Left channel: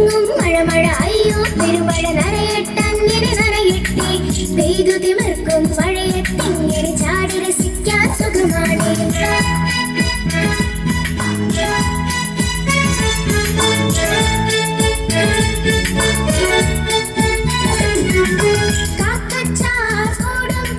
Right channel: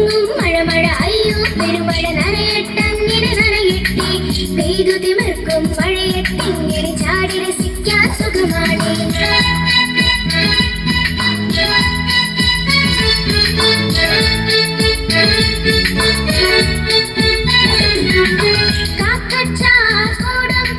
എങ്ങും മഴ മഴ അയ്യോ പെരുമഴ നനയട്ടങ്ങനെ നനയട്ടെ. പെയ്തു തിമിർക്കും മഴയത്തിങ്ങനെ ചാടി രസിക്കാൻ സുഖമാണ്. കാക്കച്ചാടും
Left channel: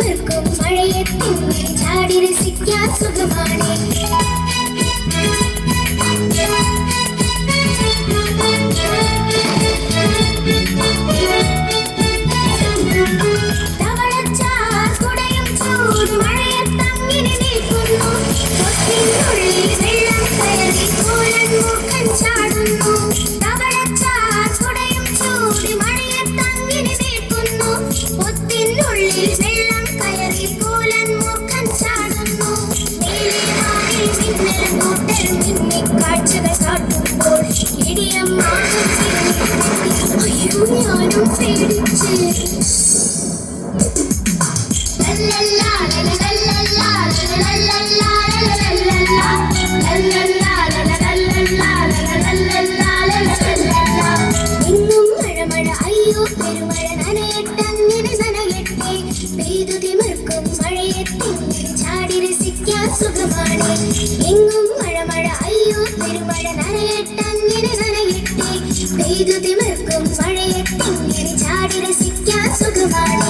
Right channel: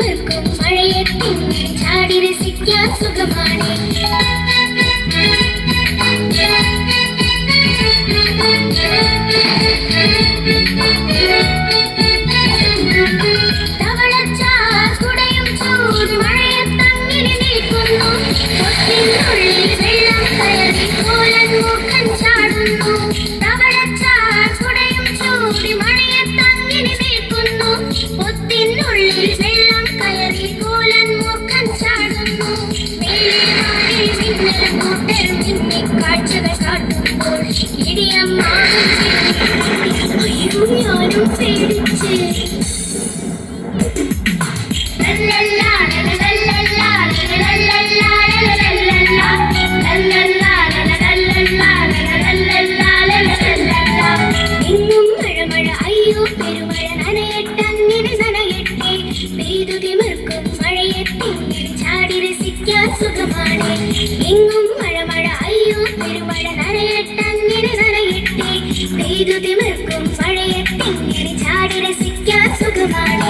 You Yes, good morning. കാഴ്ചകൾ കാട്ടുമ്പോൾ ഇടിയം അയ്യോ ഞാനും പേടിച്ച് എങ്ങും അയ്യോ പെരുമഴ നനയട്ടങ്ങനെ നനയട്ടെ. പെയ്തു തിമിർക്കും മഴയത്തിങ്ങനെ ചാടി രസിക്കാൻ സുഖമാണ്.